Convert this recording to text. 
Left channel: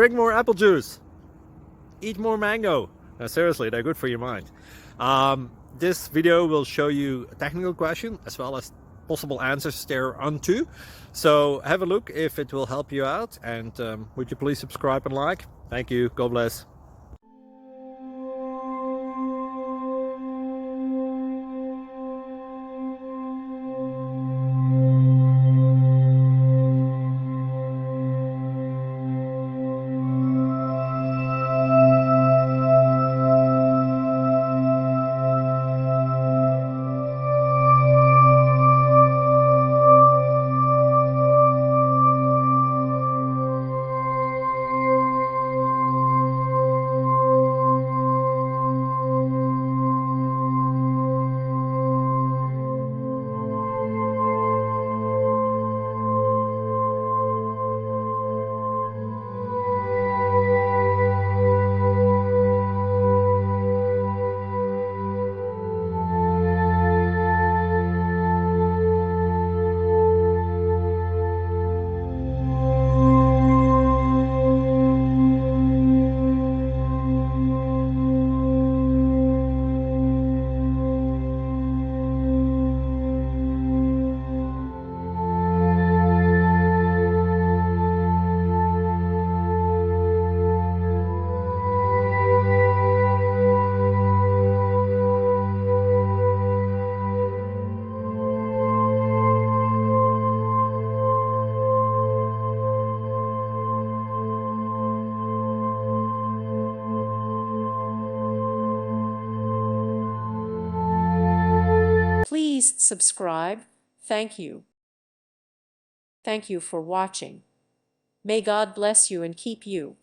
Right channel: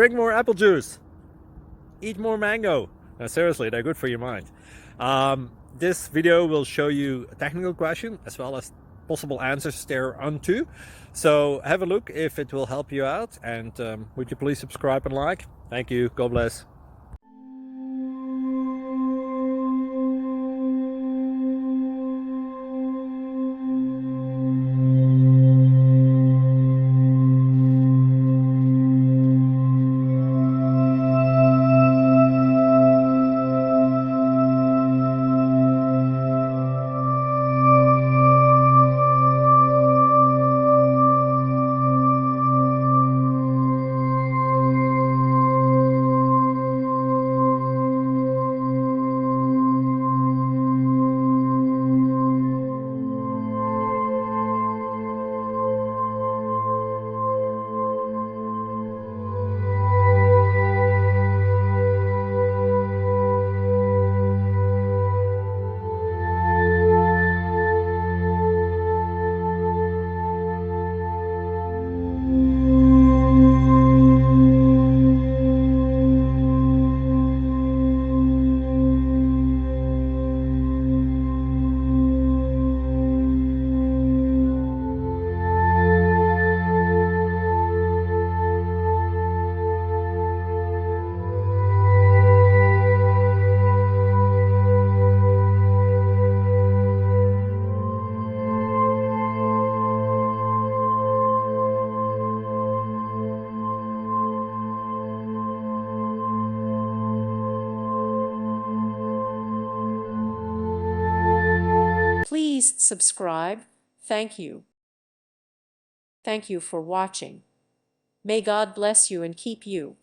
Drink more apple juice. Eat more mango. No, seriously, they're good for your mind. This video will show you a technical question as well as possible answers thereunto. So have a look if it will help you out, and would you please subscribe and like? Thank you. God bless. Please subscribe. Thank you. Thank you for watching. May God bless you and keep you.